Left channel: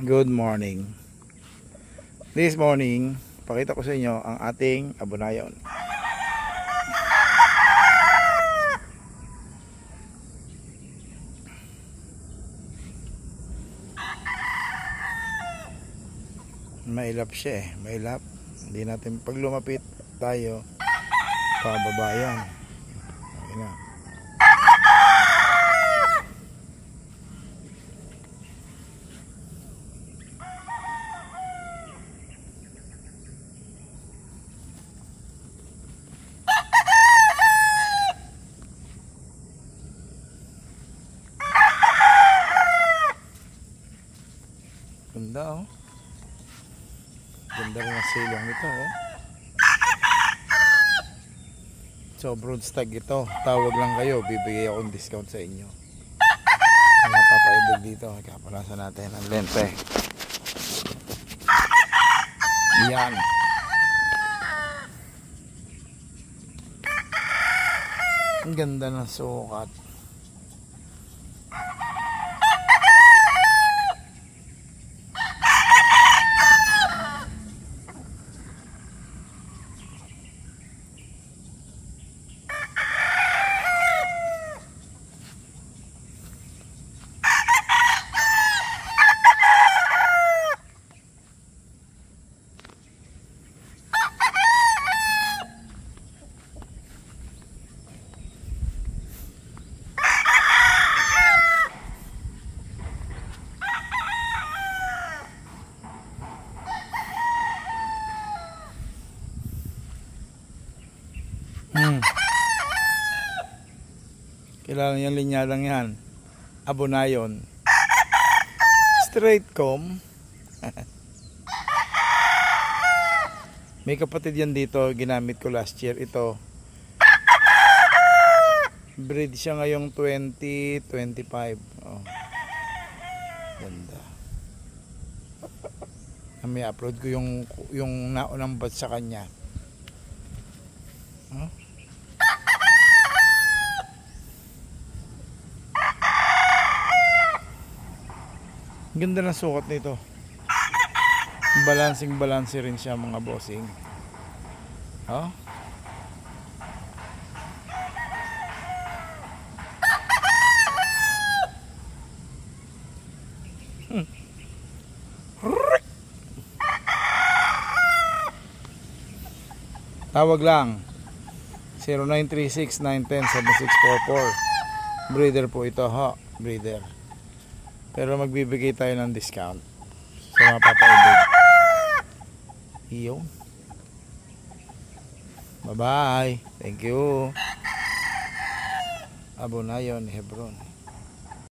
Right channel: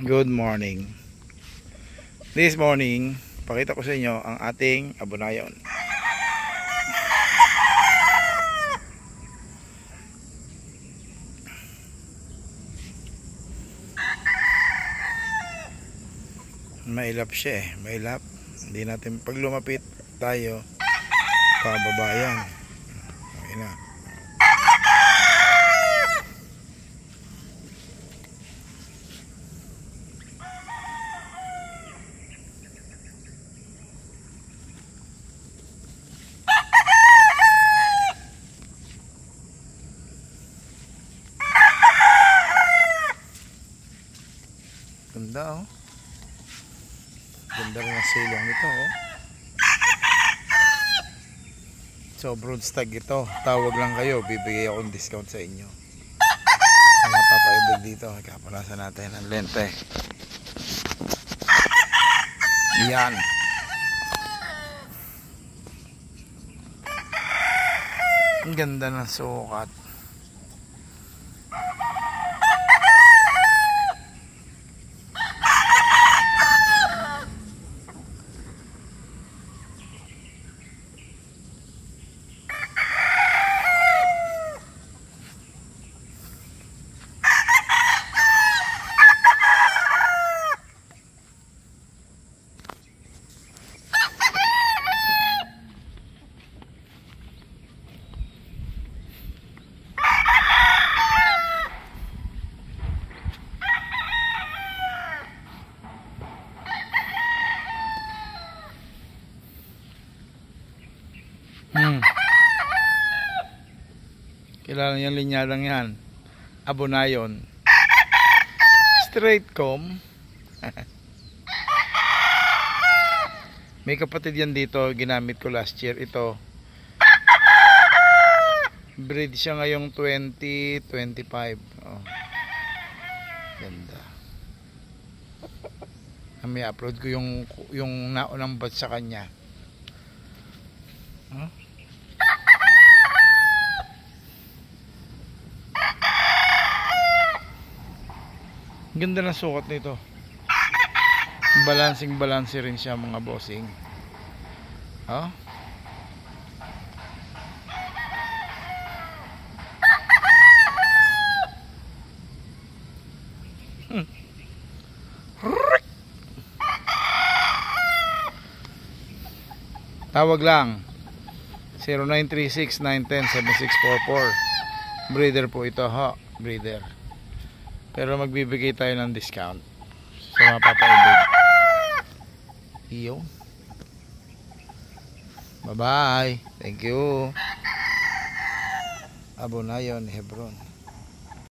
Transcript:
Good morning. This morning, pakita ko sa inyo ang ating abonayon. Mailap siya mailap. Hindi natin pag lumapit tayo pababayan. Okay na. Ganda ganda rin ang silong nito So broodstag ito, tawag lang kayo, bibigay akong discount sa inyo. Sa mapapaibig dito, kapalasan natin ang lente. Yan. Ang ganda ng sukat. Kilala niyang linyadang yan, abonayon, straight comb. May kapatid yan dito, ginamit ko last year. Ito breed siya ngayong 2025. Ganda. May upload ko yung naunang bat sa kanya. Ganda ng sukat nito. Balancing rin siya mga bossing. Tawag lang 0936-910-7644. Breeder po ito breeder. Pero magbibigay tayo ng discount sa mga papaibig. Iyo. Bye bye. Thank you. Abonayon, Hebron.